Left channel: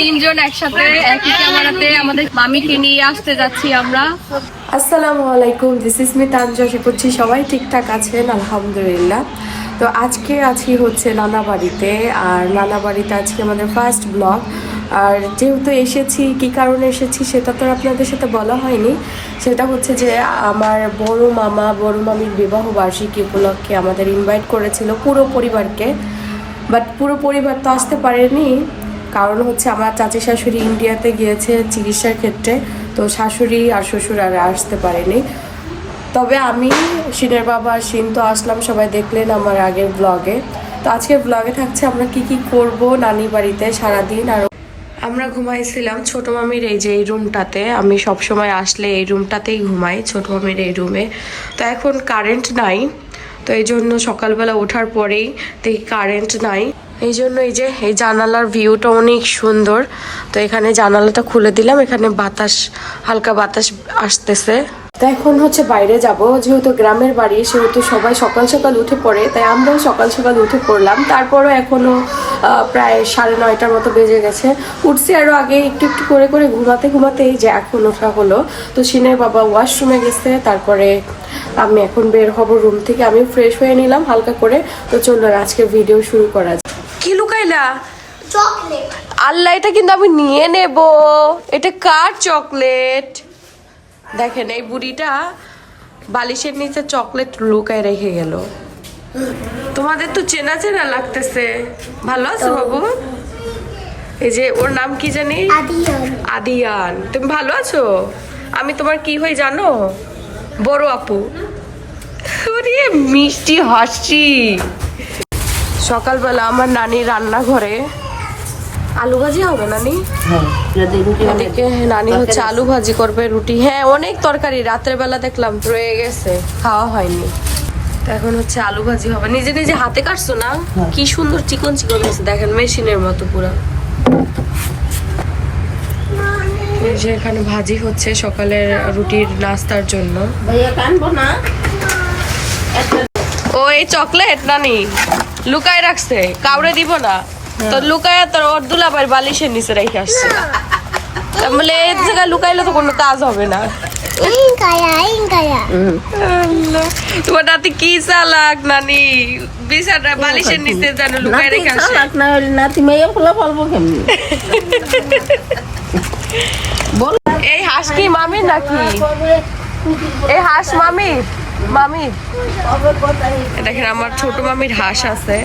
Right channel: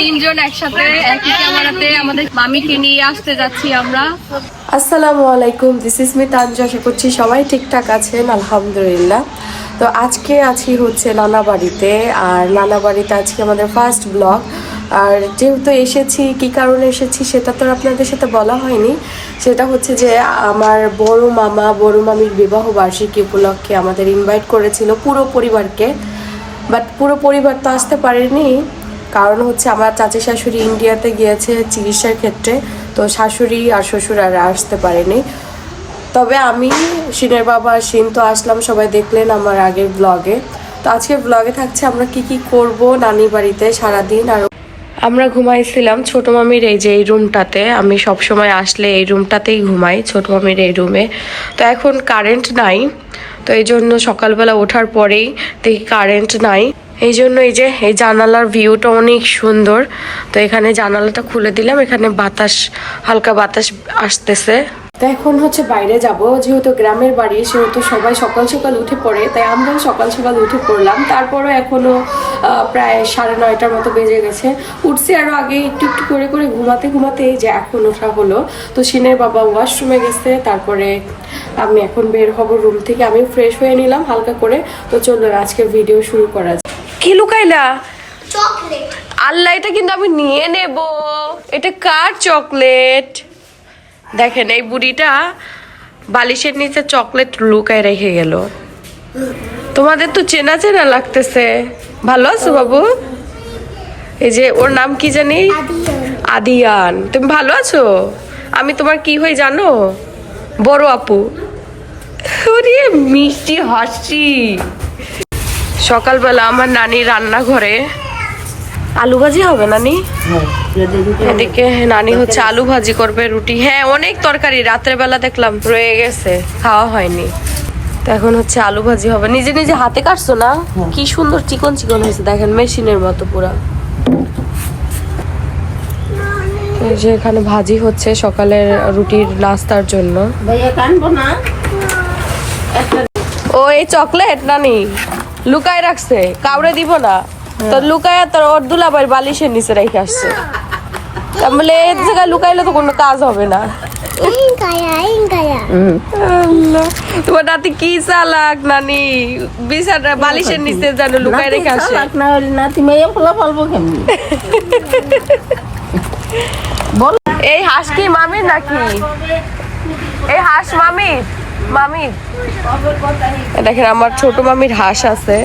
তিনজন একসাথে একই ক্যামেরাতে আমাদের মামিকে নিয়ে আসতে যাচ্ছি আমরা। আসসালামু আলাইকুম, দিস ইজ মি তানজা। আশা করছি সবাই ঠিকঠাক আছেন, আলহামদুলিল্লাহ। তো আজকে আছি হচ্ছে নানা বাড়িতে, আর নানা বাড়িতে আজকে আমাদের ফার্স্ট ব্লগ। আর যেহেতু এসেছি, কী কারণে এসেছি সেটা তো আপনাদের সাথে বলা হয়নি। সেটা হচ্ছে যে আমার বড় মামা বড় মামির বিবাহ বার্ষিকী উপলক্ষে আমাদের ইনভাইট করেছিল পুরো পরিবারকে, বাট পুরো পরিবার তো আসতে পারেনি। কারণ হচ্ছে আমার চাচি শাশুড়ি ইন্ডিয়াতে গিয়েছে চিকিৎসার ক্ষেত্রে, তো শাশুড়ি আর শ্বশুর আর আসতে পারেনি। তবে আমি, শিনের বাবা শিন তো আসলাম, সবাই দেখলেন আমার আগের ব্লগে। তো আজকের ব্লগে থাকছে আমরা কি করব নানি বাড়িতে সারাদিন। আর আমরা ঘুমাইছিলাম ছোট মামির এই যে এই রুমটাতে। আমি সব সময় আসলে এই রুমটাতেই ঘুমাই, ছোট মামির এই রুমে। তো এখন কারেন্ট নাই, তো এই জন্য সকালবেলা ওঠার পরেই দেখি কারেন্ট নাই। এই জন্য এই যে এই জানালার ভিউটা অনেক সুন্দর। তো এখানে জানালাটা খুলে দিলাম, এখানে বাতাস, হালকা বাতাস আসতেছে। তো এখন হচ্ছে বাইরে যাব, যেহেতু গ্রামের বাড়ি সেহেতু সবাই সকাল সকাল উঠে পড়ে, তাই আমরাও সকাল সকাল উঠে পড়লাম। তারপরও এখনো প্রায় 9:30 মতো বেজে গেছে। উঠছি আরো আগে একটু একটু করে করে ঘুমাতে ঘুমাতে এই যে এখন ওঠা হলো। তো শিনের বাবা ওয়াশরুমে গেছে, তারপরে আমি এখন বের হব রুম থেকে। আমি ফ্রেশ হয়ে নিলাম হালকা করে। তো চলুন আজকে ভিডিও শুরু করা যায়। কি লুকাইলা? চকলেট। আল্লাহ, এটা কিন্তু আমি নিয়ে নেব। এটা কার চকলেট? দেখেন এই বুড়িটা বালিশের নিচে চকলেট লুকায় রেখে গেল। তোমাদের তো চেনা চেনা লাগতেছে। ভালো আছো বাবু? এই যে ওর নাম কি জানি? আদিয়ান। তুমি ভালো আছো? আমি তোমার কি হই জানো? বড় আপু। ওরে মিষ্টি হাসি। সকালবেলা আমার নানি রান্নাঘরে আলু ভাজি হবে। নানি এদিকে নানি হচ্ছে আলু ভাজি করবে, রুটি, হ্যাঁ অনেক তরকারি রাতের বেলা দেখলাম রয়ে গেছে, খাওয়া হয়নি। তো এখন হচ্ছে আলু ভাজি হবে। নিজে নিজে হাতে কাটছো না? কি সুন্দর চিকন চিকন হয়েছে দেখেন, মেশিনের মতো পুরা। এই যে এখানে ভাজি হচ্ছে সকালের রুটির নাস্তার জন্য। ও এই চকলেট নানি লুকায় রাখছে, কাউরে দিব না তো। লুকায় তোর ওর দুলাভাইয়ের বালিশের নিচে রেখে আসছে। তাহলে এই জায়গায় লুকাইলে তো কোনো কাজ হবে না। তোমার নাতি কি চালাক নানি, বিছানা বালিশের নিচে যেন লুকায় রেখে আসে। এই হাঁস কি মামির নাকি? এই হাঁস মামির? মামির। দেখেন আমার ছোট মামির হাঁস আছে।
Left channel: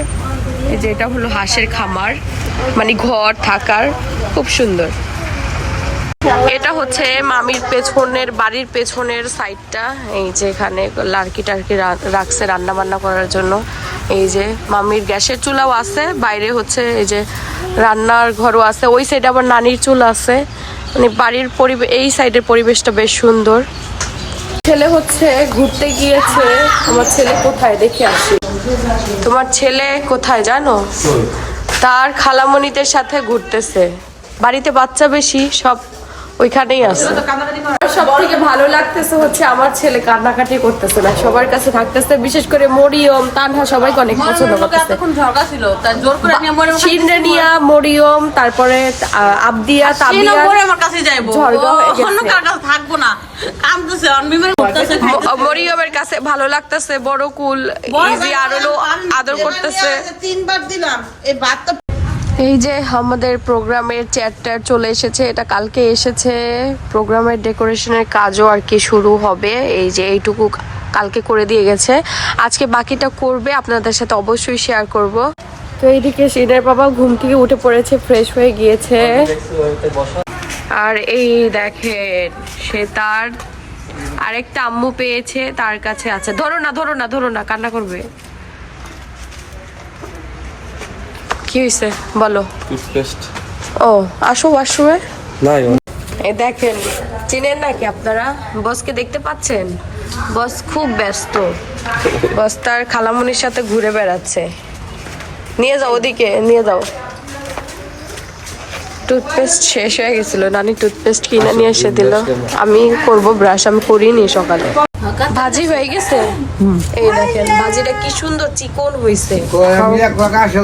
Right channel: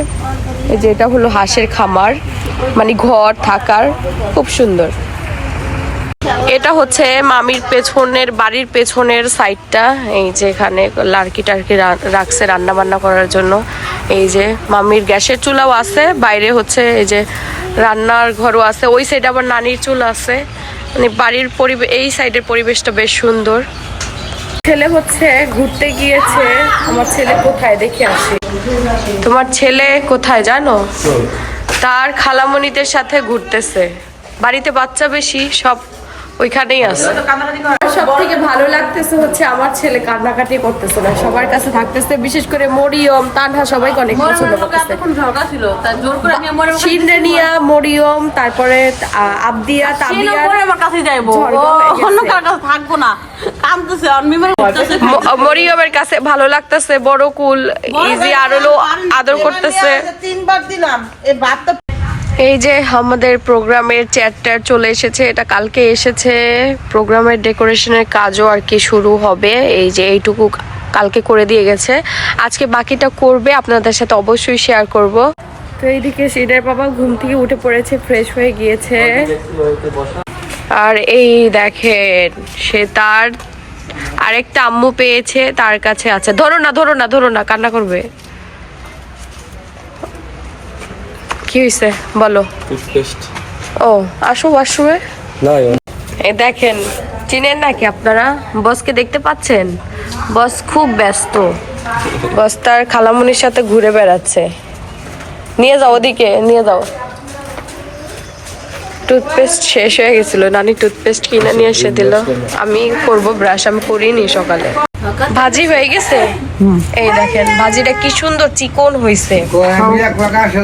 এই যে এটা হলো হাঁসের খামার, মানে ঘর থাকার, খুব সুন্দর। এটা হচ্ছে মামির পেছনের বাড়ির পেছনের সাইডটা। এই যে এখানে লার্কি টার্কি রাখছে রান্না বান্না করার জন্য। এই যে মামির গ্যাসের চুলাও আছে, বাইরে হচ্ছে এই যে রান্নার ঘরও আছে। ওই সাইডে আবার নানির চুলা আছে। মানে বাড়ির পরিবেশ, এই সাইডের পরিবেশটা বেশ সুন্দর। ছেলে হচ্ছে ঘুরতে গিয়েছে। আমার ছেলে কোথায় দেখে আসি। তোমার ছেলে কোথায় জানো? তার খালামণিদের সাথে ঘুরতেছে। বাড়িতে বাচ্চা বেশি, সব ওইখানেই আছে। সব থেকে ভালো লাগতেছে হচ্ছে আমার ছেলে কান্নাকাটি করতেছে না, সবার কাছে থাকতেছে। বিশেষ করে মরিয়ম, তানহা সবাইকে অনেক পছন্দ করতেছে। শিনরেনিয়া, মরিয়ম, তারপরে আবদিয়া, তাবিয়া আমার কাছে যাইবো, অন্য কার কাছে থাকবো না। মরিয়মের কাছে ভালো লাগতেছে। বড় কুল ইজি আরো আদর করতেছে। এই যে আমাদের প্রোগ্রামের চেয়ারটা চলে এসেছে, এটা কালকে এসেছে। প্রোগ্রামের ডেকোরেশনের কাজও আর কি শুরু হবে। এই যে এইটুকু কালকে করে দিয়ে গেছে, আজকে বাকিটা করবে, আপনাদের সাথে অবশ্যই শেয়ার করব। তো এইদিকে শিনের বাবা ঘুম থেকে উঠে পড়েছে, ফ্রেশ হয়ে গিয়েছে। আর এই দেখেন সে তার আরেকটা আম্মু পেয়েছে, তার কাছে আছে। ধরো না ধরো না ধরো না, কান্না করবে। কি হয়েছে বলো? টুথপেস্ট। ও আসো ওয়াশরুমে। এই দেখেন, চিনেন নাকি আপনারা? বসকে দেখতে পাচ্ছেন? বস খুব ব্যস্ত। বস তার খালামুনির সাথে ঘুরে বেড়াচ্ছে। নিয়ে যাও ওদিকে, নিয়ে যাও। টুথপেস্ট শেষ হয়ে গেছিল, নানি টুথপেস্ট কিনে নিয়ে এসে দিল। আমি করব ব্রাশ, আমি করিনি সকালে। ভাজি হয়ে গেছে। এই দেখেন ভাজিটা কি সুন্দর চিকন হয়েছে,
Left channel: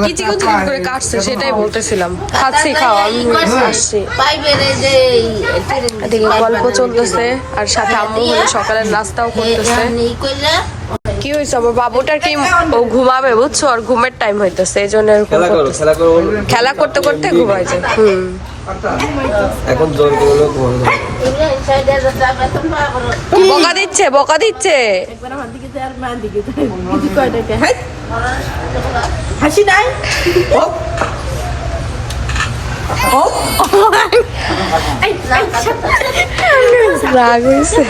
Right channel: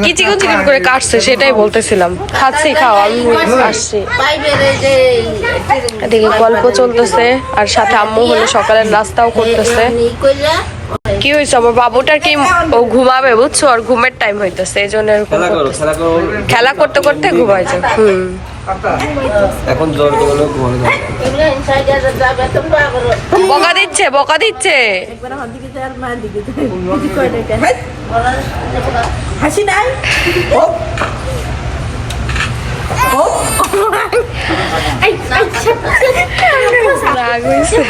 কি চিকন চিকন করে কাটছে সেটাই বলতেছিলাম। খাচ্ছি, খাও, আমি আসছি। এদিকে গল্প চলতেছে আর সাথে আম্মু হলো সকালের নাস্তাও করতেছে। কি হয়েছে আমার বাবুটার কি ও ঘুমাবে বুঝছো, আর ঘুমের টাইম হইতেছে এই জন্য এরকম করতেছে। খেলা করতে করতে ঘুমাইছে। এখন জোর করলো ঘুমানো বকা দিচ্ছে, বকা দিচ্ছে। হাসি নাই রাগ হয়েছে।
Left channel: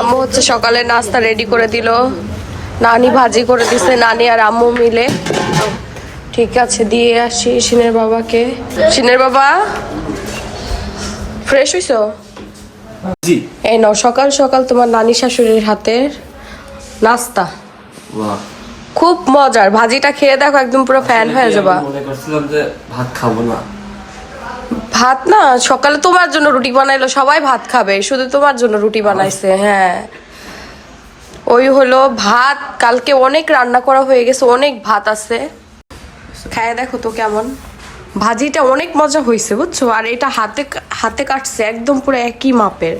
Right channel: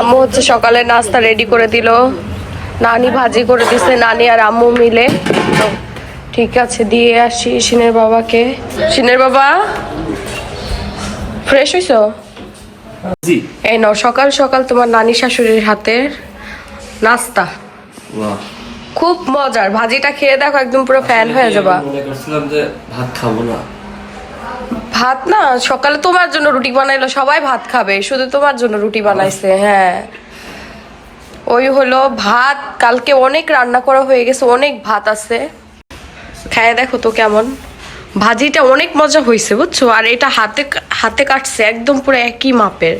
আম্মু হচ্ছে সকালে নাস্তা রেডি করে দিল, নানি ভাজি করে দিছে, নানি আর আম্মু মিলে। তো ঠিক আছে, দিয়ে আসি সিনের বাবাকে। সিনের বাবা ফ্রেশ হইছো? এই নাও সকাল সকাল তোমার নানি শাশুড়ির হাতের নাস্তা, খুব মজার। ভাজিটা খেয়ে দেখো, একদম পুরো ফ্যান হয়ে যাবা। মনে করছিলাম যে ভাত খাবো না। ভাত না, সকালে তোমার জন্য রুটি বানাইলো, সবাই ভাত খাবে, শুধু তোমার জন্য রুটি বানাইছে। হ্যাঁ, ওই হলো ভাত। কালকে অনেক রান্না করা হয়ে গেছে, অনেক ভাত আছে। খায় দেখো তো কেমন। ভাজিটা অনেক মজা হয়েছে বুঝছো, আর এটা হাতে হাতে কাটছে একদম পুরো একই মাপের,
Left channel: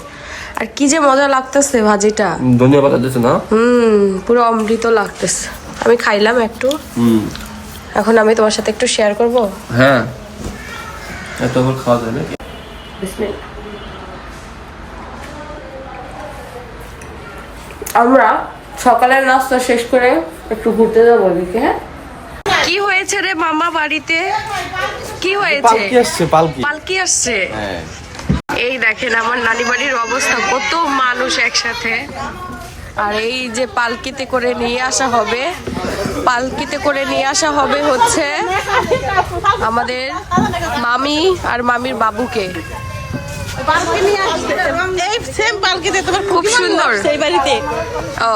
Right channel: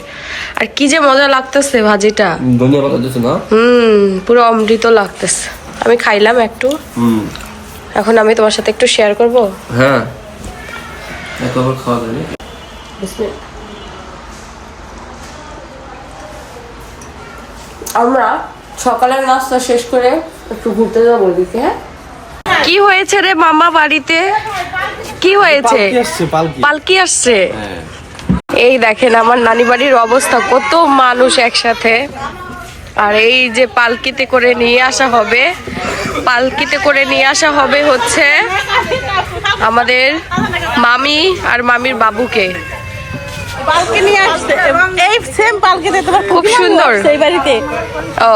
আর কি যে মজা লাগতেছে ভাজিটা। ধনিয়া পাতা দিছো না? পুরো অমৃত লাগতেছে। আমি খাইলাম একটু, এখন আমি তোমার সাথে একটু শেয়ার করবো। হ্যাঁ, এত খাওয়া যাবে। আমরা সকালের নাস্তা শেষ করে একটু ঘুরতে যাবো দিকে। হ্যাঁ, কি হয়েছে রে মামা বাড়িতে? কি হয়েছে? পালকি আসছে। এই দেখেন আমার নানি বাড়ির অবস্থা, কত মানুষ একসাথে। আর এই যে পালকিতে করে নিয়ে আসা হবে, পালকিতে করে নিয়ে আসা হবে হচ্ছে আমাদের মামি আর মামির বাবুকে। খুব সুন্দর। ও,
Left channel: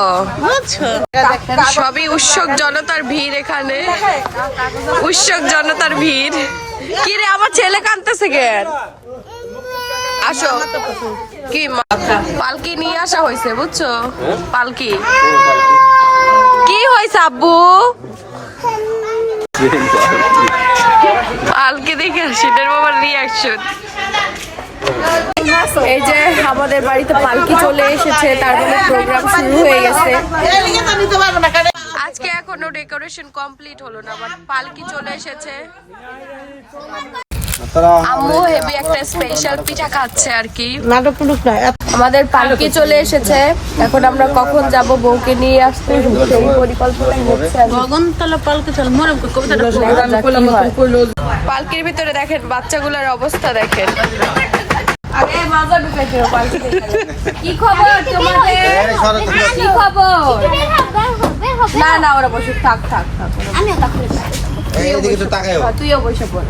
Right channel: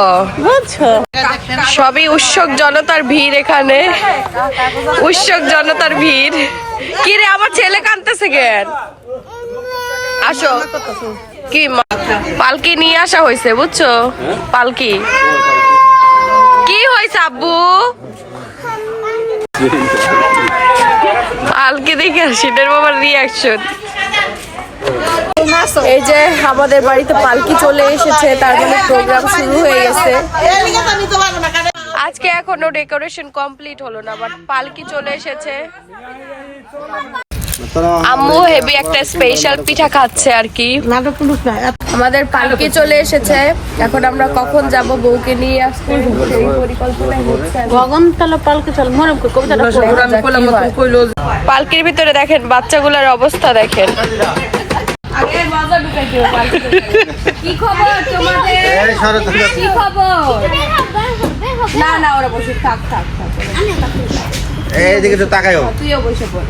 সবই উৎসুক জনতার ভিড় এখানে, উৎসুক জনতার ভিড়। কি রে আমার ছেলে কাঁদতেছে কেন? আসো, কি পালকি নিয়ে আসা হয়েছে বুঝছো, পালকি। কি হয়েছে আব্বু? পালকি দেখে সিনের বাবার রিয়াকশন। এই যে আমাদের বাড়িতে পালকি চলে এসেছে, তার মানে প্রোগ্রাম শুরু হয়ে গেছে। আজকে এখনো ডেকোরেশন কমপ্লিট হলো না, বাট পালকি চলে এসেছে। আম্মু হেভি একটা স্পেশাল পিঠা খাচ্ছে আর কি। আমাদের পালকি চলে এসেছে, এখন আমরা কখন যাব বউকে নিয়ে আসতে, সেই পরিকল্পনাই হচ্ছে। পালকির ভিতরে দেখেন বাচ্চাগুলোর অবস্থা দেখেন। কি খবর তোমাদের? কি খবর? না না, ওরা বসে থাক থাক থাক, তুইও বসে পড়।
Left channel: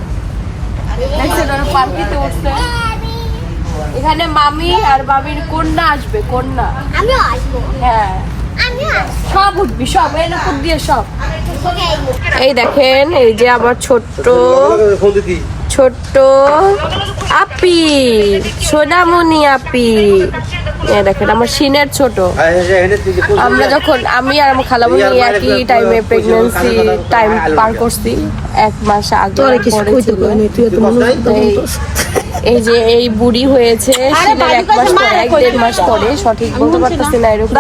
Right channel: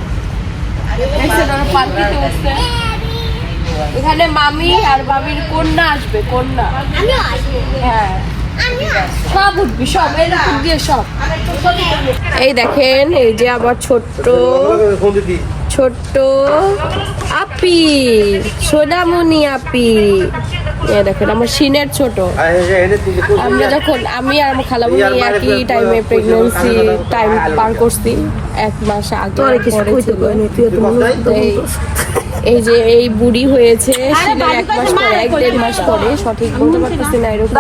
দেখছেন ওরা পালকিতে উঠছে। এখানে মামি আর মামির কন্যা আসবে, কন্যা। হ্যাঁ, সব উঠবি, সব এরকম দিয়ে সব। এই দেখেন, এই যে আমার ছোট্ট ছোট্ট আপি, সোনামণি আপি। দেখেন আমার সিনের ছোট। আমরা যখন আমি আর আমার খালামণি একই টাইমে প্রেগন্যান্সি টাইম পার করছি, 1 মাস আগে পরে ছিল। এই যে এই বুড়ি হয়েছে সিনের 1 মাস পরে, 1-1.5 মাস পরে, সঠিক বলতে পারতেছি না। এরকম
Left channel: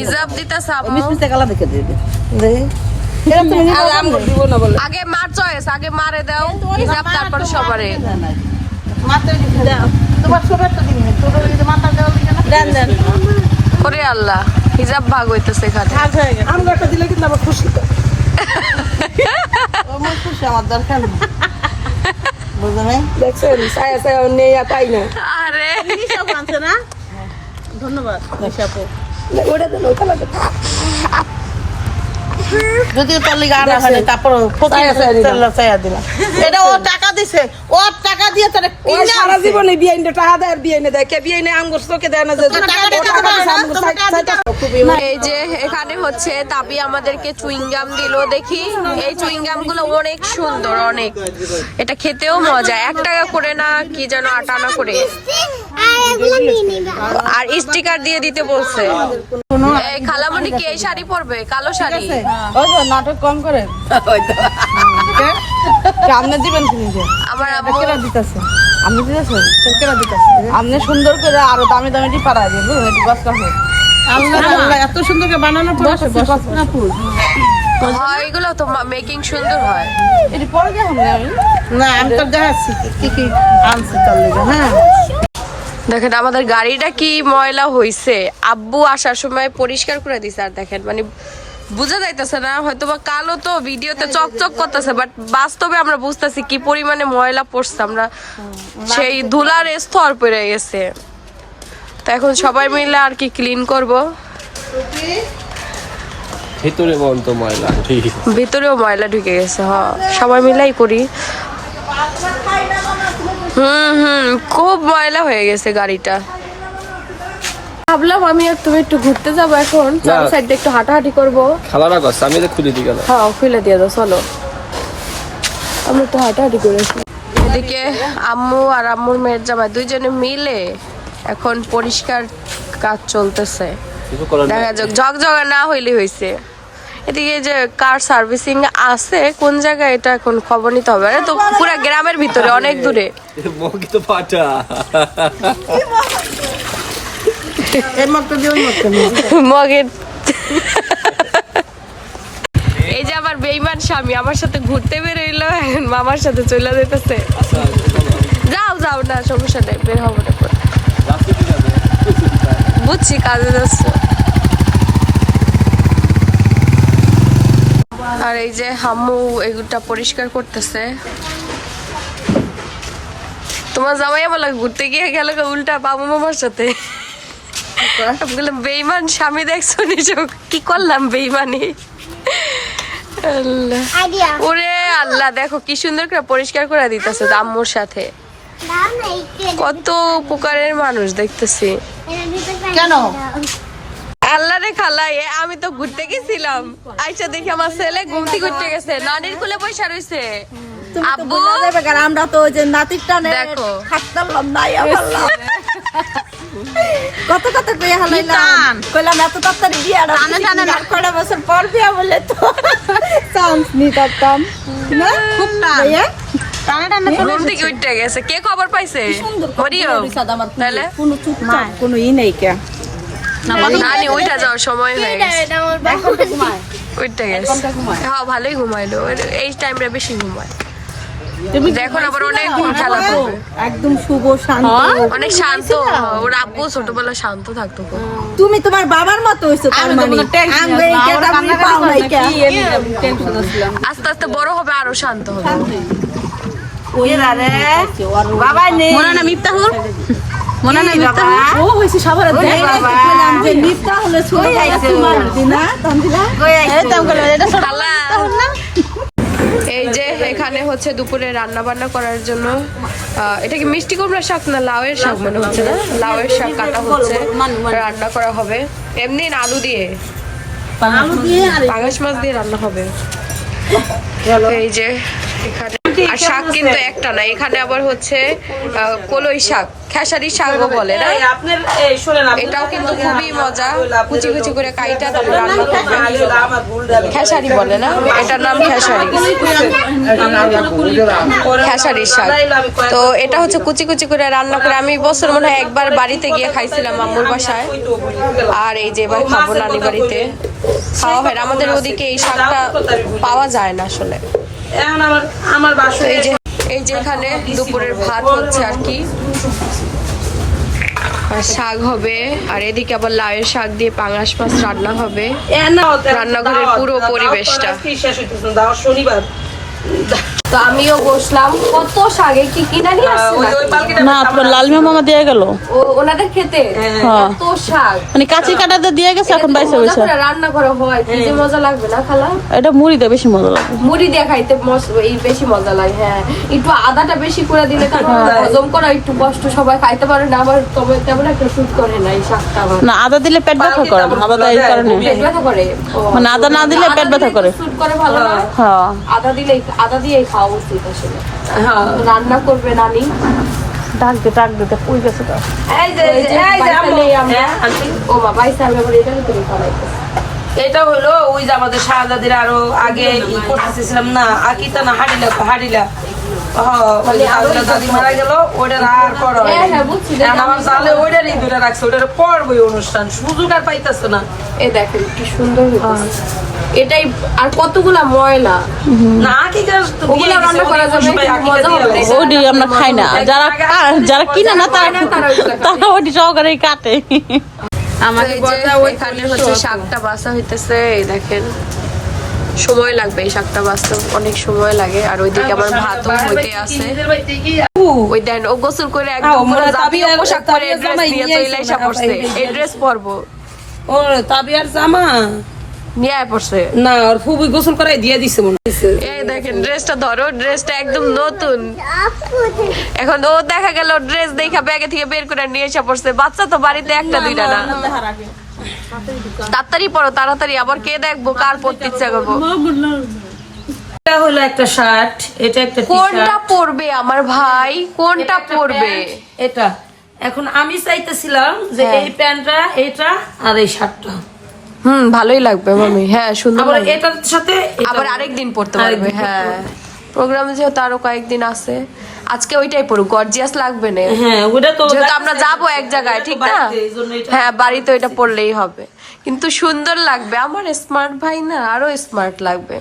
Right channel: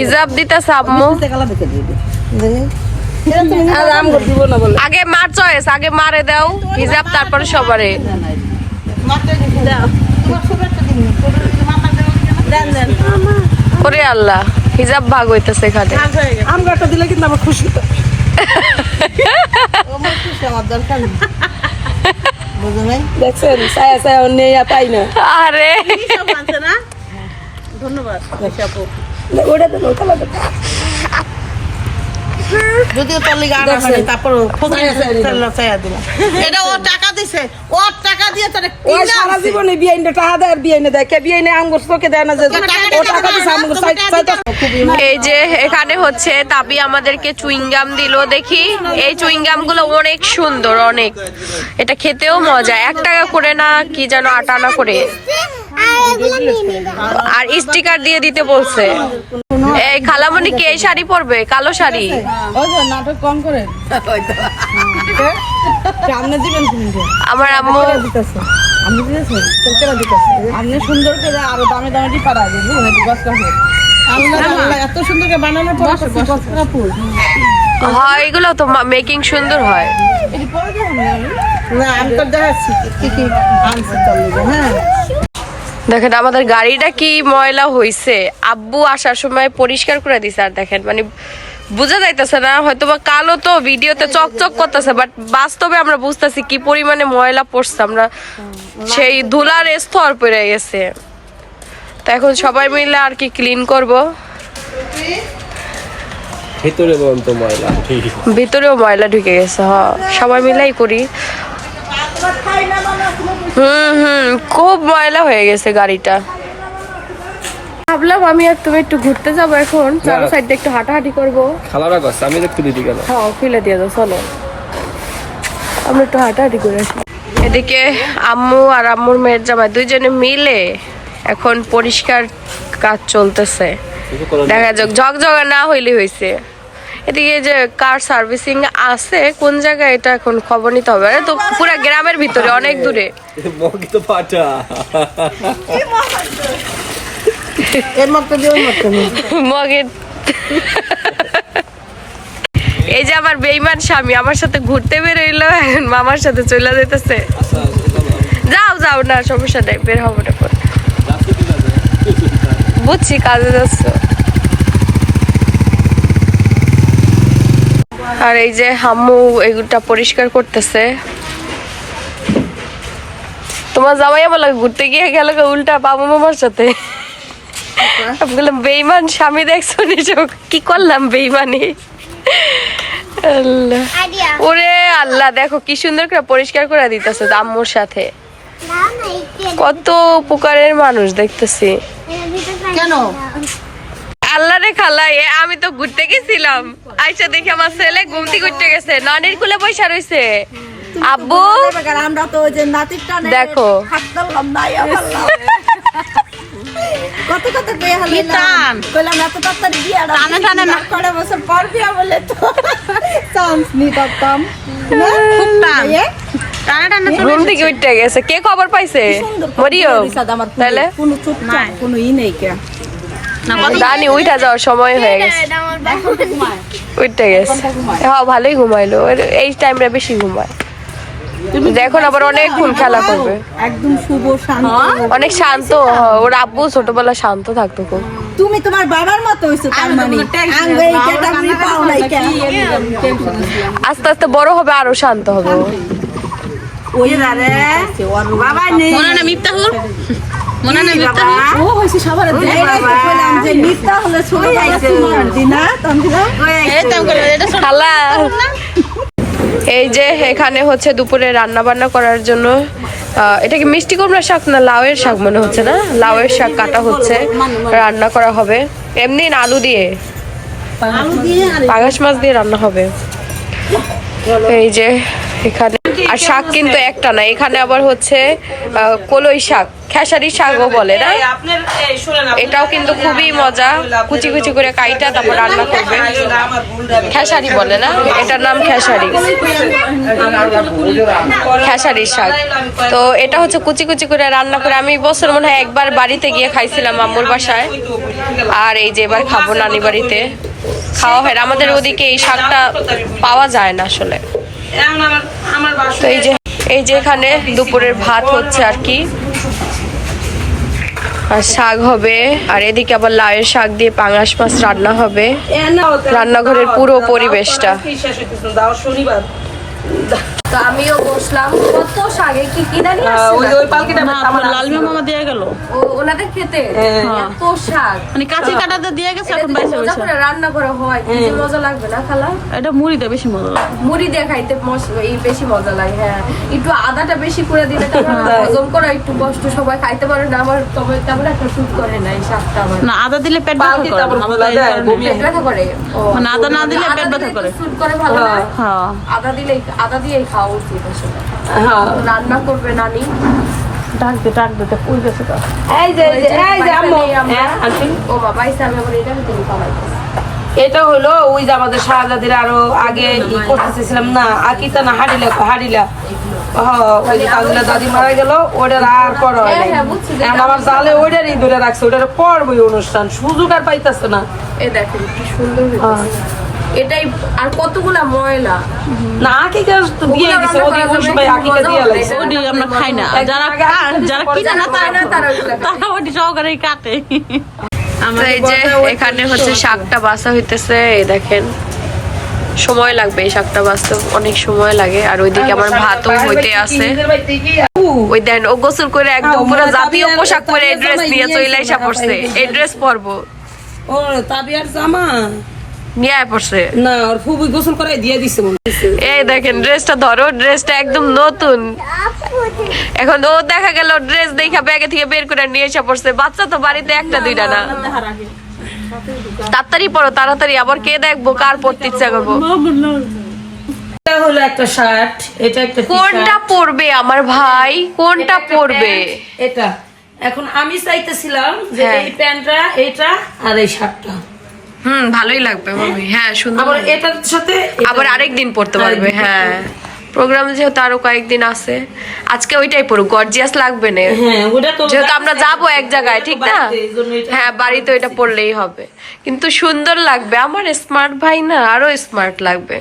হিজাব দিতেছে আম্মু। আগে মার চয়েস, আগে মারে দাও হিজাব, তারপরে সবারে। ওরে আল্লাহ, হিজাব ভাগ হইতেছে এখানে। আরে যদি চলে গানা হয় তারপর এটা ও টাকা দিছে, ও টাকা দিয়ে তারে ও সারা জীবনে বিয়াইনে টাকা দেয়, বিয়াইনে দেয় কে বিয়াইনে আমগো চোখে দেয় না যে টাকা দিছে আমগো সাইড। এই যে এখানে হচ্ছে তাবি আমাদেরকে চুইংগাম দিল, দেখি এই চুইংগাম গুলো অনেক সুন্দর, অনেক। এটা খেতেও মজা, 1 টাকা করে না কি যেন 8 আনা করে। আর স্টিকার দিয়ে দিতে বলছে। এই খালামণি কি এই শাড়ি পরবে? কালো শাড়ি। ওই তো নাটক কম করে আপনি দিবেন আমার আম্মু দিতেছে আপনি দিতেছেন কেনা দিতেছে আপনি সুন্দর করে আরো দামে দামে দিয়ে পাড়া দিয়ে বুঝলেন একটু গছকা ফুল আল্লাহ আল্লাহ এত সুন্দর করে বানানোর পর গছকা ফুল হয় এগুলো তো মেকিং সুন্দর হয়। এটি পরে কেমন আমি না আমি তো দেখাচ্ছি কি কি আনছি তার লেগে হ্যাঁ। দেখেন আমাদের গাড়িটা কি ময়লা হইছে, আব্বু আসার সময় পরিষ্কার করে দিছে। আর দেখেন মানে বোঝা যাইতেছে না, হয়তো বা কালো তো ভিডিওতে চকচক করতেছে, বাট বাস্তবে আমরা বুঝতেছি কি পরিমাণে ময়লা পড়ছে। আমরা সেই ধুলার স্তর পড়ে গেছে, তো এখন সবাই মিলে আর কি ক্লিন করব। ভিতরে বন্ত ময়লা, ভিতরেও ময়লা ঢুকে গেছে। সবাই মিলাই করি। খুব ময়লা হয়ে গেছে গাড়িটা। ভাবলাম আমি আর তুমি একটু ঘুরতে যাবো, এখন চলো সাইড দিয়ে একটু হাঁটাহাঁটি করবো। খালারা গাছ আমি তো খুলে দিই কেন? হ্যাঁ খুলে দিয়ে দাও, চলো আমরা একটু হাঁটাহাঁটি করে আসি। এদিকে আম্মু আর আম্মুর মেয়ের জামাই দুইজনে মিলে এখন পরিষ্কার কাজ চলতেছে। দেখা যাক, ঝকঝকা না হইলে হয়েছে। এদিকে যে কার সার্ভিসিং আছে কোন জায়গায় এটা এখন খবর নিতে হবে। তো পুরো গ্রামের ভিতরে অনেক দূরে। মগি তো পাটা এর মতো দিয়ে ওই মতো মগের এই যে আমার বেইমান স্বামী আমার সাথে ঘুরতে বেরোইলো, এখন মামার সাথে চলে যেতেছে। যাও যাও, না সমস্যা নেই, বের হবো না। বুঝছি কাজে যাচ্ছ। আর এই যে আম্মু এগুলা পরিষ্কার করতেছে। তোমার জামাই আমার ঘুরতে গিয়ে গেল উল্টা বাবু মামার সাথে। আমি বললাম বেইমান স্বামী দেখছো নিজক, কি করলাম বেইমানি। আল্লাহ ওরে আল্লাহ, দেখো কি সুন্দর করে পরিষ্কার করে দিতেছে আম্মুর সাথে। কত উপকারের মানুষ দেখতেছি। কেন আল্লাহ রে খালা, আমি তো ঘুরতে গেছিলাম, আইসা দেখি আমার ছেলে ঘুমতি ঘুরতে গেছে, নানির কুলে পয়সা রয়েছে। আব্বু আমরা তো যে নাতিটা দেখো থাকতাম না কত কত কইয়া হলাম কইলাম এত তাড়াতাড়ি বিয়া টানা টানা না করে বছর পর বিয়া বলে তো চান্স নিতাম না খুব টান টানা টানা ঘুম থেকে উঠতে গেছে। কে খবর পাইছে? মরিও তাহলে কোনো ই নেই কে জানি উঠা যাওয়ার সময় হয়ে গেছে, উঠতে গেছে। হ্যাঁ ভালোই ঘুমাইলো, এই টাইমটা বেশি ঘুমায়। তুমি দেখো আবার অনেক ঘুম খেলা করবে, একদম শুভ শান্ত, অনেক শান্ত। ওর আব্বু ছোটবেলা শান্ত থাকতো খুব। তুমি তোমার বাবার মতো হইছো তার মানে আঙ্গে এটা তুমি পাও নাই কে আস্তে আস্তে বড় হবে আরো শান্ত হবে। ওই রে বাবা নেই মনে না মিফতাহুল মনে না মিফতাহুল ও হইছে সবার নাম যে মিফতাহুল শুনে যাইছে তোমার দিনা তন্দিরা এই তো এটা খালা। এই যে এখানে হচ্ছে দুপুরে রান্না বান্না করার জন্য এটা কি মিষ্টি কুমড়া শাক না লাউয়ের শাক মনে হচ্ছে, না লাউয়ের শাক কাটা হচ্ছে, রান্না করা হবে। এমনি আলু দিয়ে পাঙাশ মাছ দিয়ে রান্না হবে। এই যে এখানে আর শাক কিন্তু একটা না, এখানে আবার হচ্ছে কলই শাক, খেসারি শাকও বলে না, এটাও কিন্তু খুবই মজা। কুচি কুচি করে কাইটা তারপর রান্না করবে, খেসারি বলে না, এটার নাম খেসারি, খেসারির শাক। তো এটা হচ্ছে কুচি কুচি করে রান্না করে আমি বছর মনে হয় একবার বাড়িতে গিয়ে খাইছিলাম আম্মুর বাসায়, আর এই যে এবার খাবো নানি বাড়িতে খাওয়া হয়। আমাদের ওদিকে এই শাকটা পাওয়া যায় না আসলে। তো এই যে এখানে দুপুরের ভাত হচ্ছে আর কি, আর শাক হবে, আর এদিকে আবার লাউয়ের শাক দিয়ে পাঙাশ মাছ রান্না হবে। রান্নাঘরের পুরো পরিবেশটা। তো আমিও বসলাম, কত শাকে কি কিনা নিয়ে আসছে না আপনার লালমা মামা দিয়ে গেল ও ওনাদের খেতে এত শাক মানে কাঁচি কাটাতে দিয়ে গেছে, এখন বাইসে বসে রান্না করা হয়, কি মজা লাগবে না খালা? এটা মুড়ি দিয়ে বেশি মজা লাগে, মুড়ি দিয়ে খাইতে এই বেশি মজা লাগে। হ্যাঁ একটু আদাটা বেশি করে দিলে হজম করা একটু কষ্ট, সবাই খাইতে পারে না। আমার তবে তেমন একটা শুট করে না এই শাকটা, আমার না আদা দিলে পেট ব্যথা করে, পেট ব্যথা করে, মানে আদা না দিলে পেট ব্যথা করে, শুট করে ভালো না। হ্যাঁ আদা দিয়েই খাওয়া উচিত আসলে। রান্না করবে নানি, ডাক দে কই গেছে তো এই যে আম্মু ও বাবা এই সালমা করে এটা তুমি পালাইছো। এটা হলো ওই যে আমাদের শাহজাদির আরো আগে ই করতেছিলাম না আকিতা না হাড়িলা ওই যে তাহলে দাদি মারা গেল ওইটার আর করা হয় নাই। এখন আমার জালে ওইটারই ধরে রাখছে ওইটার করবো অনুষ্ঠান সুযোগ আর পাইতেছে না। এই দেখো কি সুন্দর হয়েছে। এটাই আর কতগুলা ময়লা না আকিকা তো দিয়ে দিছে ওদের ওই সময় আকিকা দিয়ে লাগছে ওডি আমরা খাই না যারা যারা কিনে না তারা ওডি সহকারেই কাটে। তো এই যে এখানে হচ্ছে শাকটা বাছা হইতেছে, এই দেখেন সময় লাগবে এই শাকটা বাছতে, অনেক সময় লাগে। আর ওইদিকে আমার ভাতও হইতে আছে। ওই দেন ও গোসল করে একদম পুরো জাতীয় পোশাক পরে ড্রেস নিয়ে চলে এসে পড়ছে। এই ড্রেস পরবো ও তাবিয়ার জামা নিয়ে পড়ছে না ওর ফুবি গোসল করাই দিয়ে দিছে মনে হচ্ছে। এই দেখেন ড্রেসটা ধরো, ড্রেসটা একদম নতুন। এখন ও দেখা গেল ড্রেস দেখা ব্যাগে থেকে বের করে নিয়ে এসে পড়ছে। বাচ্চা তো বাড়িতে একটা দুইটা না। তাড়াতাড়ি পড়ো তাড়াতাড়ি, আবার কে দেখবো কার পড়তে ইচ্ছা করবো। এটা হলো একটা শার্ট, এটা একটা কোনটা পরবে আমার ভাই, কোনটা পরবে? এটা এখন আমি চাইতেছিলাম যে এই প্যান্টটা এটা আর এই শার্টটা ভালোই লাগবে মামি। হ্যাঁ সুন্দর আবার লাগবে। এটার সাথে আবার আরেকদিন পড়তে পারবে। হ্যাঁ প্রোগ্রাম যেহেতু আরো কয়েকদিন আছে, আজকে ওইটাই পড়ুক, গর্জিয়াস লাগবে না। হ্যাঁ ওটা তো যেহেতু আমরা যাবো এক জায়গায়, ঠিক না? হ্যাঁ বাড়িতে ওইটা পড়লেই হবে, কিন্তু সুন্দর লাগবে। আমার স্মার্ট ভাই না আরো স্মার্ট লাগবে।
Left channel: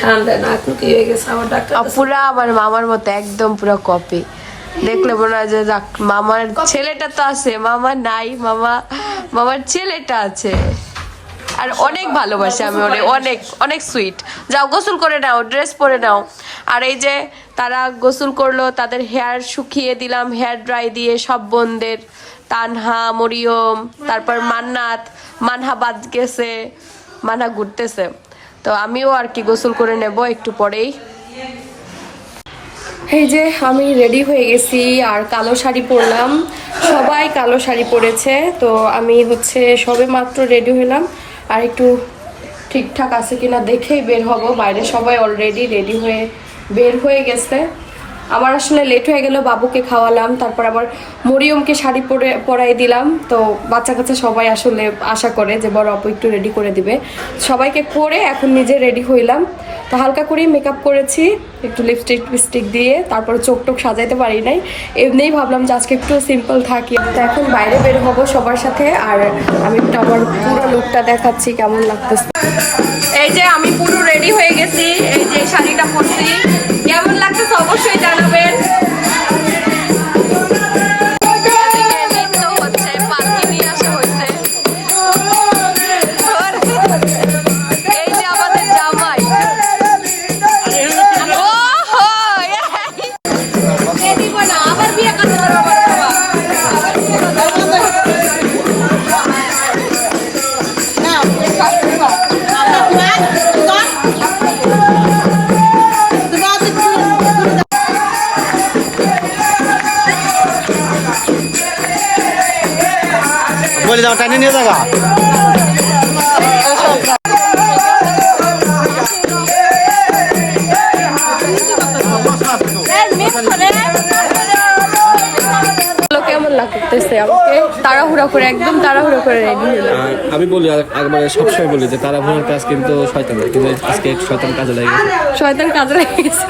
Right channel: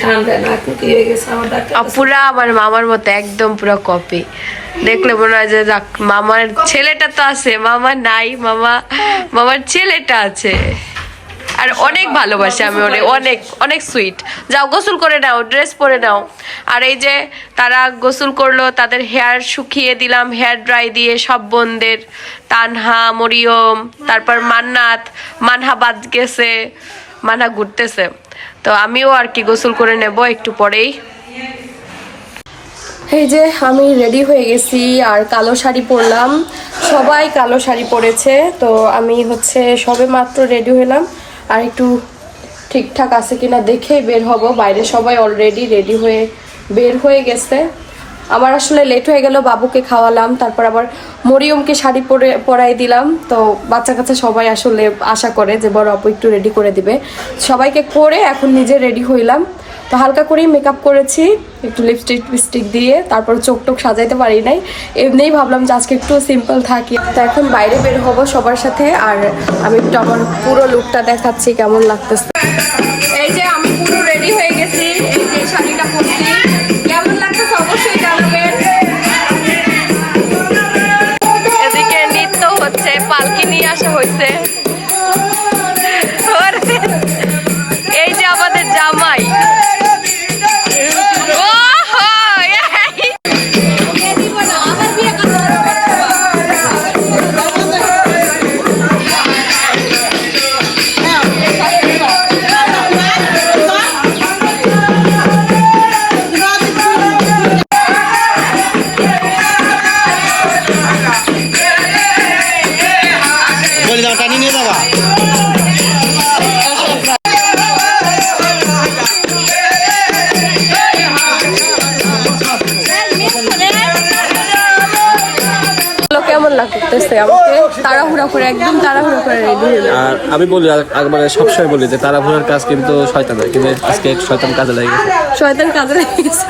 ঠান্ডা না কি হয়ে গেছে আমার ডাক্তার পুরা আমার মামার মতো একদম পুরো কপি। দেখলে মনে হয় যে যাক মামার ছেলেটা তো আছে, মামা নাই, মামার ছেলেটা আছে। আর অনেক ভালোবাসে আমি ওরে, অনেক অনেক সুইট। যাও গোসল করে নাও, ড্রেস পরে নাও। আর এই যে তারা গোসল করলো, তাদের হেয়ার শুকিয়ে দিলাম হেয়ার ড্রাই দিয়ে সব বোনদের। তানহা, মরিয়ম, তারপর মানহা বাদ গেছে, মানহা ঘুরতেছে। তো আমিও আর কি গোসল করে নেব একটু পরেই। এই যে আমি রেডি হয়ে গেছি আর কালো শাড়ি পরলাম, সবাই কালো শাড়ি পরেছে। তো আমি হচ্ছে সবে মাত্র রেডি হলাম, আর একটু ঠিকঠাক আছে কিনা দেখেই বের হব। বাইরে সবাই অলরেডি রেডি হয়ে বের হয়ে গেছে। আমার আসলে লেট হয়ে গেল, বাবুকে খাওয়ালাম, তারপর আবার মরিয়মকে শাড়ি পরাই দিলাম। তো বাচ্চা কাচ্চা সবাই আসলে আশা করে যে বড় আপু একটু রেডি করে দিবে। সবাইকে করে এখন নিজে রেডি হইলাম। তো হালকা করেই মেকআপ করেছি, একটু লিপস্টিক দিয়ে, তারপর চোখ টোক সাজাইতে পারি নাই, এমনিই ভাবলাম যে আজকে একটু সিম্পল থাকি। তো এখন বাইরে বের হব সবার সাথে, আর আমি একটু আমার পুরো লুকটা দেখাচ্ছি কেমন লাগতেছে। এই যে আমি পুরো রেডি হয়ে গেছি, এই যে শাড়িটা পরছি, কেমন লাগতেছে অবশ্যই জানাবেন। এদিকে নৃত্য হচ্ছে, পালকি নিয়ে আসা হয়েছে। এই যে আমাদের জামাই, বলে দাও টানি নিয়ে যাবা। কেমন লাগতেছে আমাকে? তাড়াহুড়া করে, একদম তাড়াহুড়া করে রেডি হইল। আর আমি বলি মানে সবসময় বলি যে তাড়াহুড়ার কাজ কিন্তু শয়তানের, কিন্তু আজকে শয়তান কাজে লাগে গেছে। শয়তান কাজে লেগে গেছে।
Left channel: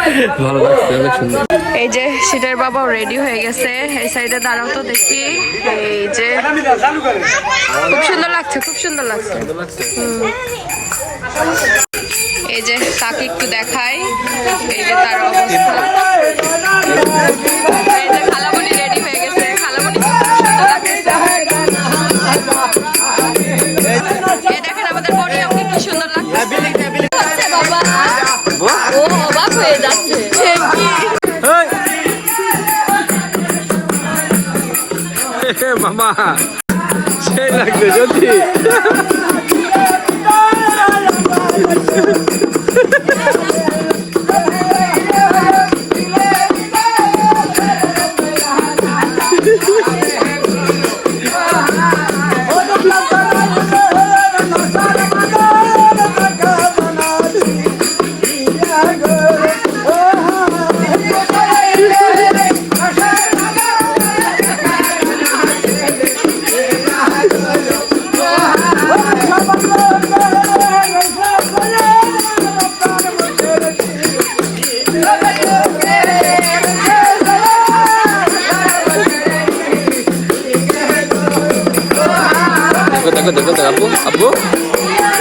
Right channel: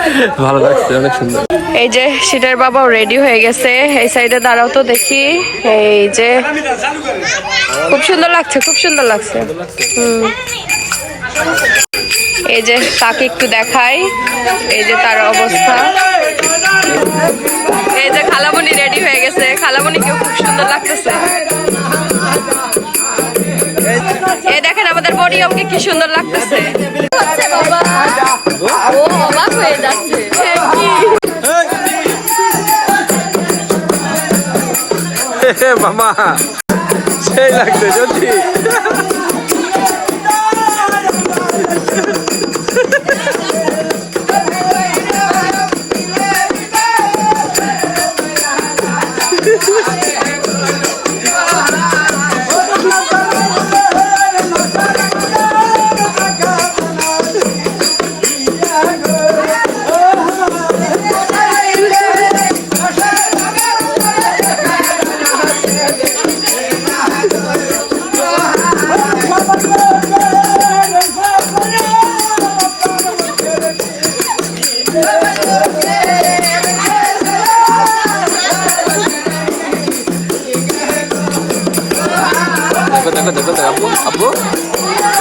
ভালো লাগছে, অনেক সুন্দর। এই যে সেটার বাবাও রেডি হয়ে গেছে। এই সাইডে দাঁড়াও তো দেখি। এই যে খুব সুন্দর লাগছে, খুব সুন্দর লাগছে। এই যে তাকে একটু দেখাই, এই যে তার অবস্থা। এই যে খালামণি রেডি হয়ে গেছে, খালামণিকেও খুব সুন্দর লাগতেছে। এই দেখেন আমাদের মরিয়মকে কি সুন্দর লাগতেছে। হচ্ছে বাবা, ও অবাক হয়ে যাচ্ছে। মামা সেই লাগছে যদি। দেখো দেখো দেখো আপু আপু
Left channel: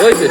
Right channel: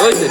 ওইছে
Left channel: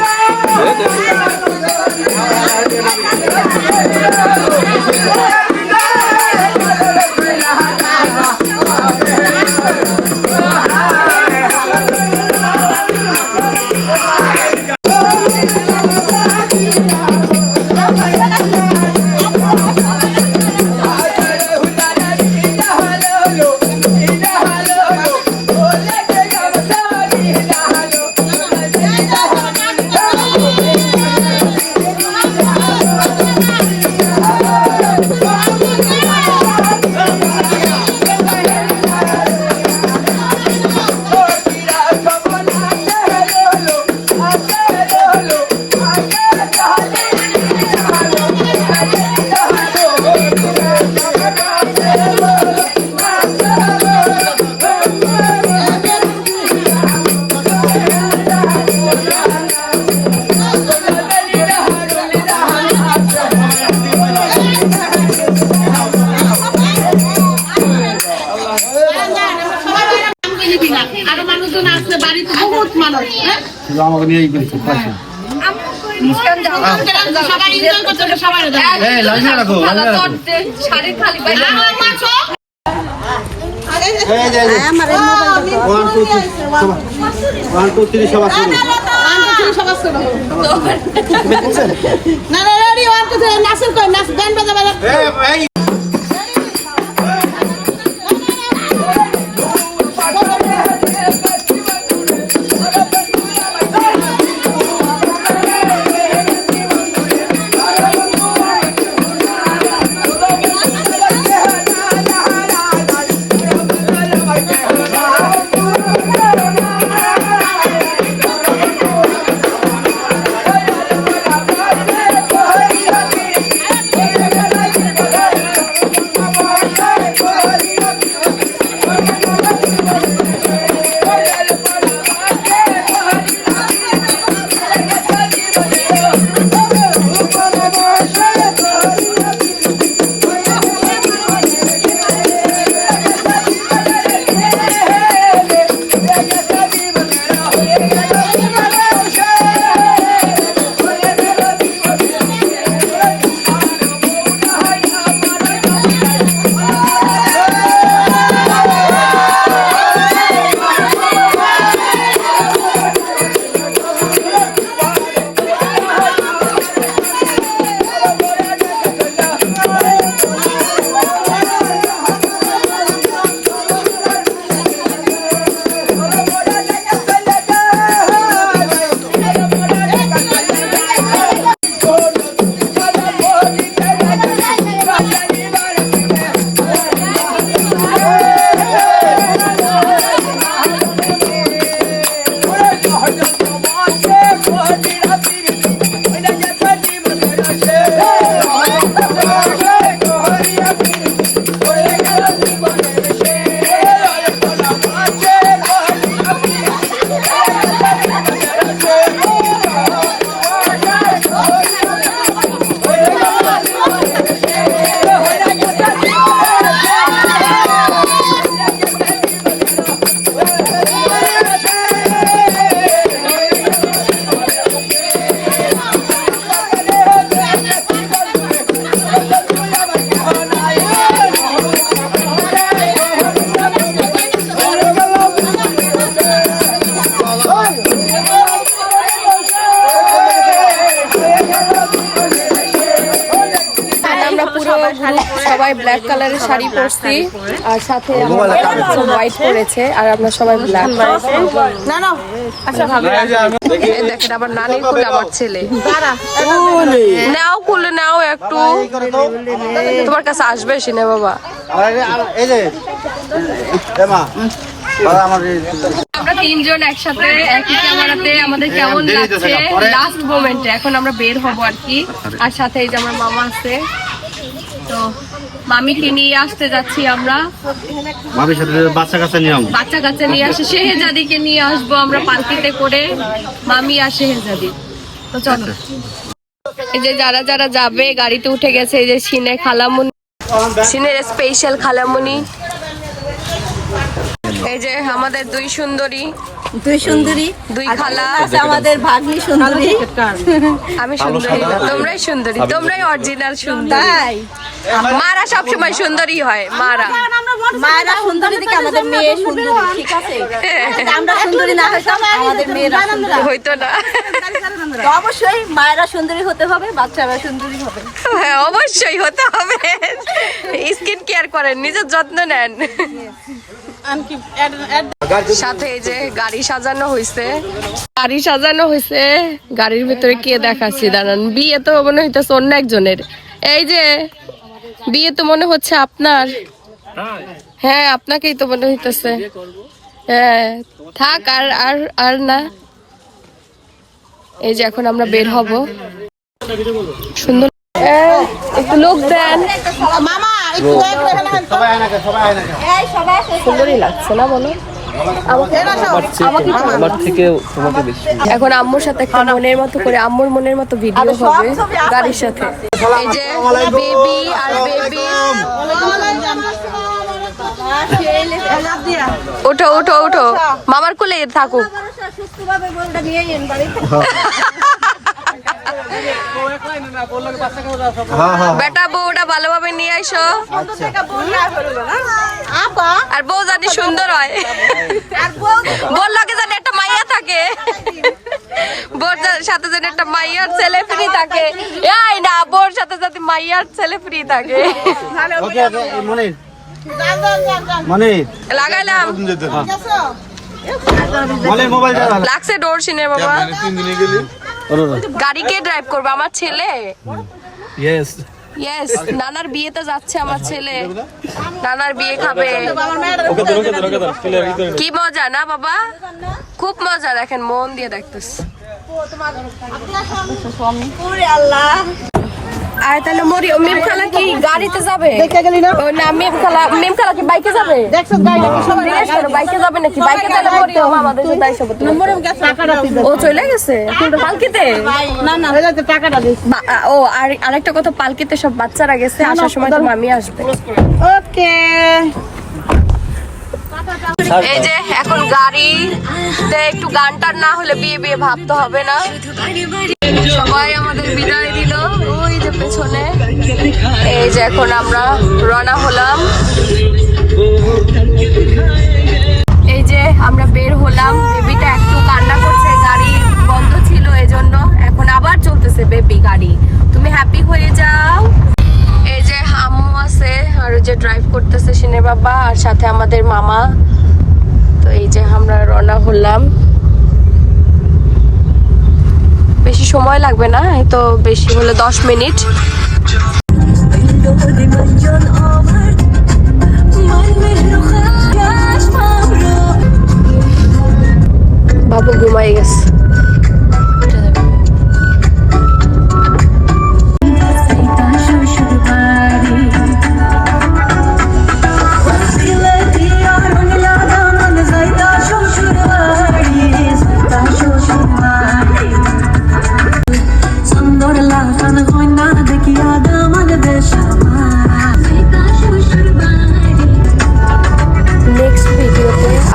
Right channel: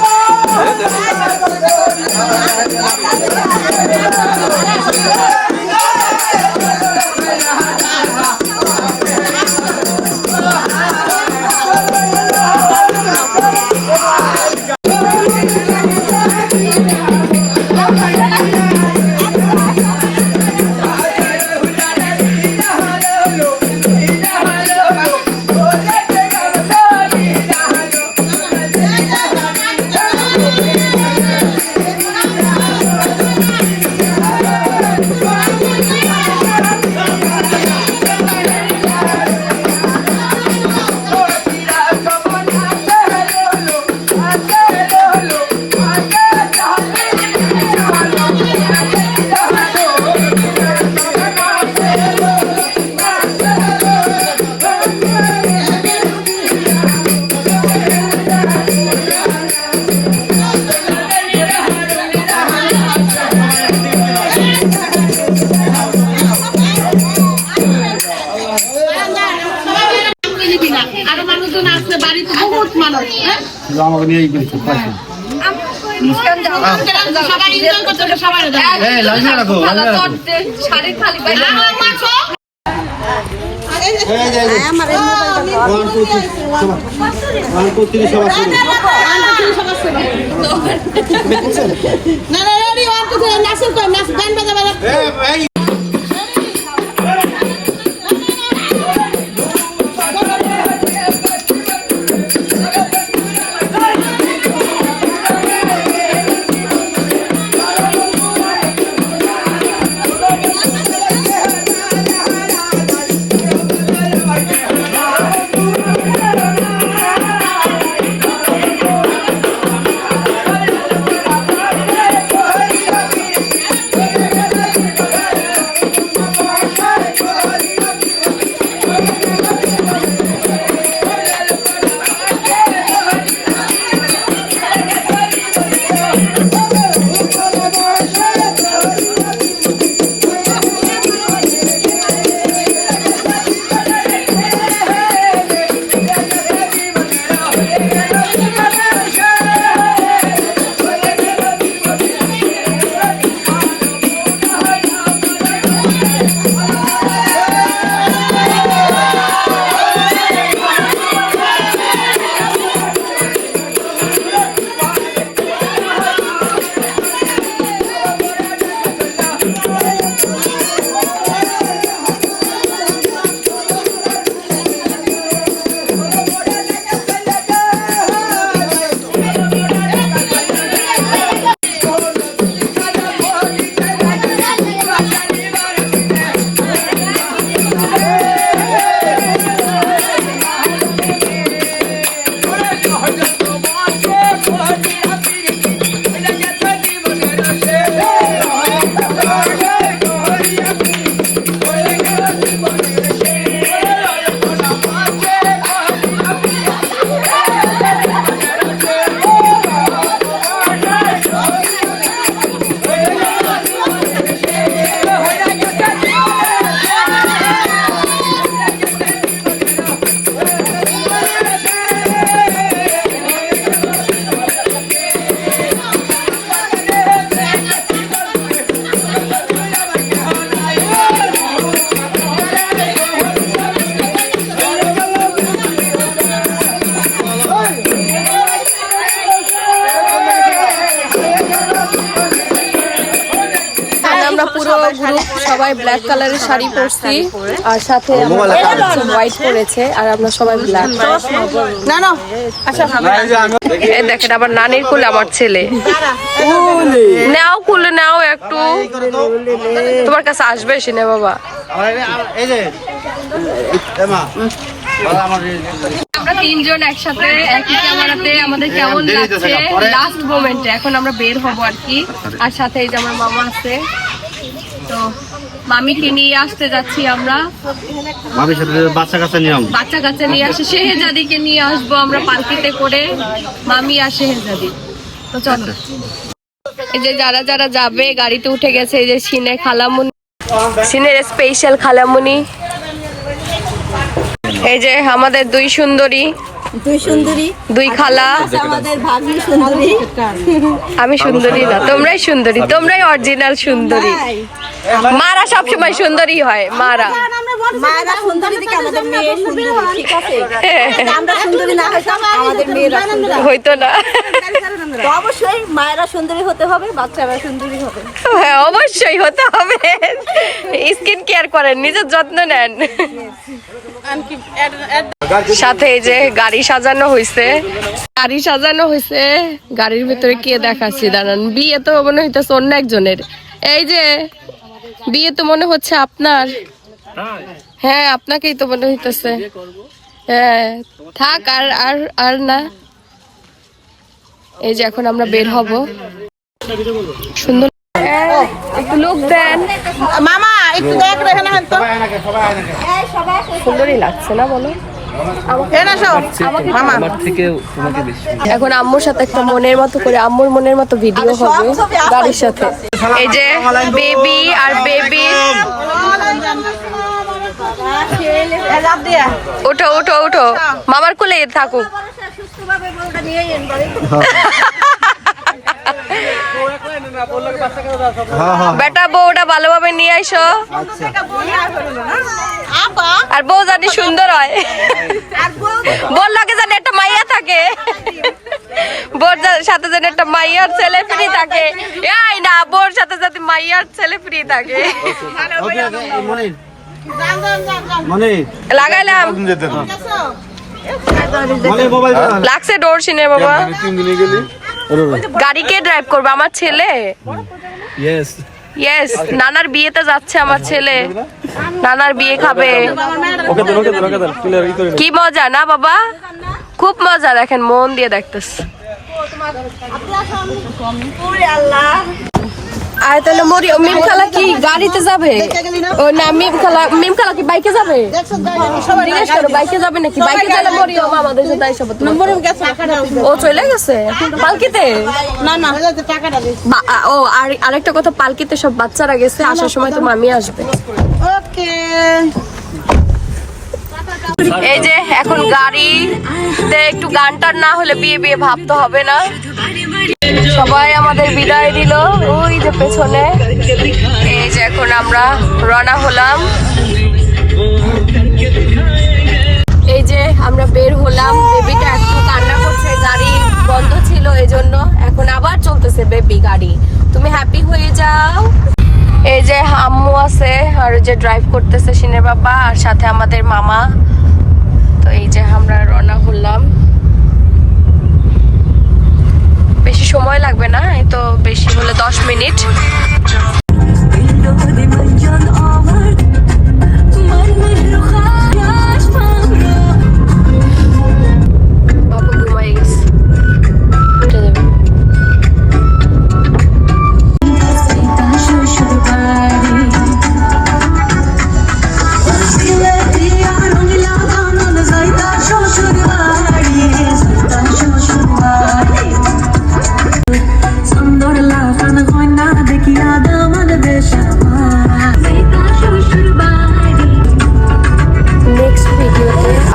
আরো মানুষজন আসছে বাড়িতে বহুত মানুষ আমাকে নিয়েই বলছে সবাই এনজয় করতে সবাই লাইনে রাখো শাড়ি খালি ভাই ওয়ান টু থ্রি সবার শুরু না না রেডি 1 2 3 নাচের কই নাচ গান বাজা পুরো গ্রুপ সবাই ব্ল্যাক কালারের শাড়ি পরছি আর সাথে আমার হোয়াইট পরেছে আর আমরা সবাই ব্ল্যাক। এই দেখেন আবার নানির কোলে আমার ছেলে, নাও কোলে নাও একটু, তোমার কাছে আসবে সিনে বাবা। আমরা তিনজন একসাথে একই ক্যামেরাতে, আমাদের কেমন লাগছে লাস্ট মোমেন্টে, এখন আমরা বের হব আর কি। আর সাথে এই যে আমার মামা আছে, তো মামিকে নিয়ে আসতে যাচ্ছি আমরা, মামির সাথে বাচ্চা কাচ্চা নিয়ে আসে, শেহজাদিকে নিয়ে আসবো আমরা পালকিতে করে, মামি আর শেহজাদি। তো চলো এই যে যারা যারা যাবে গাড়িতে উঠে গেছে, এই যে সিনের খালামুনি, সিনের স্পেশাল খালামুনি, এই যে আমাদের দুই সুন্দরী, দুই খালা, আমাদের ভাগ্নি সুন্দরী। আমি সুন্দরী না, তোমরাই সুন্দরী, তোমরাই অরিজিনাল সুন্দরী। মারা সবসময় সুন্দরী হয়, মারা মায়েরা সুন্দরী থেকে আমাদের মেয়ে সুন্দরী, ঠিক আছে? আমরা সুন্দরী না হয় আমাদের মেয়েরা সুন্দরী। হইতো না। তো অবশ্যই মায়েরা সুন্দরী হতে হবে, বাচ্চারা সুন্দরী হবে। হ্যাঁ অবশ্যই হতে হবে। স্কিন কেয়ার করেন, নিজের যত্ন নেন। সাথে এই যে গাড়ি সাজানো হয়েছে, গাড়ি সাজানো হয়েছে, গাড়ির ভিতরে কে দেখাচ্ছি দাঁড়ান। বিয়ে তো মনে হইতেছে অন্য একজনের। এই যে বিয়ে তো মনে হচ্ছে আপনার। হ্যাঁ আপনাকেই তো মনে হইতেছে। হ্যাঁ থাক, আর আর আর না। এই যে এখন আমরা বের হব। সুন্দর একটু লোক দেন, সুন্দরই লাগছে না বলো? আমার থেকে তোমাকে বেশি। এখন আম্মুর সাথে একটা মনের মতো করে, আম্মুর মনের মতো ভিডিও হবে গাড়ির সাথে। এই যে বেবি আর বেবি, উঠো উঠো উঠো, মামার কোলে থাকুক। বেটা বউটা ভালোভাবে নিয়ে আইসো, আর বউ জানি সুন্দর হয়, বউর লগে জানি একটা মাইয়া থাকে, বউর সাথে জানি একটা মাইয়ার ছেলে ফ্রি থাকে। এই না, বউর সাথে যদি মাইয়ার ছেলে ফ্রি থাকে। লাগাইলাম, লাগছে ডোর সিনে বাবা। গাড়ি কে ড্রাইভ করবে? আমার ছেলে। ইয়েস, নানার বিয়েতে যাচ্ছে আমার ছেলে, নানার বিয়ে খাবে। কি মজা না বাবা, খুব মজা। দেখেন মন দিয়ে দেখতেছে। আর তাহলে মিম খালা কি গাড়িতে যাবে? ও না, মিম খালা কি বাইকে যাবে? জিজ্ঞেস করো বাইকে যাবে নাকি? বাইকে গেলে মরিয়ম আমাদের সাথে আইসা পড়তে। ও চলে গেছে পালকিতে? ও আর আরেকটা কথা, পালকিতে সব বাচ্চারা গেছে, আসার সময় তো মামি আসবে। এই যে এখন গাড়িতে একটু গান টান না হলে বিয়ে বিয়ে ভাবতে হবে না। সবাই আমাদের বিদায় দিল ওই যে পেছনে। এই যে এখন আমরা রওনা হলাম, এই যে আমরা বের হলাম। বেবিটা একটু কান্না করছে, গাড়ি বন্ধ ছিল এজন্য। এখন আবার চলতেছে বেবি গাড়ি, তুমি হ্যাপি হয়ে যাও। এই যে আম্মু আছে, আর যে ড্রাইভ করতেছে সিনের বাবা, আর সাথে আমাদের মামা। তো এই যে আমরা রওনা হলাম। বেশি সময় লাগবে না, এই তো বেশি হলে 10 মিনিট। বাবু ঘুমাই গেছে।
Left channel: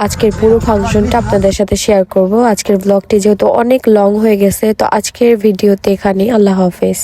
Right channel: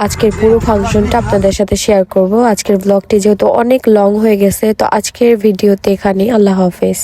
আজকের পুরো ফাংশনটা আপনাদের সাথে শেয়ার করব। আজকের ব্লগটি যেহেতু অনেক লং হয়ে গেছে, তো আজকের ভিডিওতে এখানেই। আল্লাহ হাফেজ।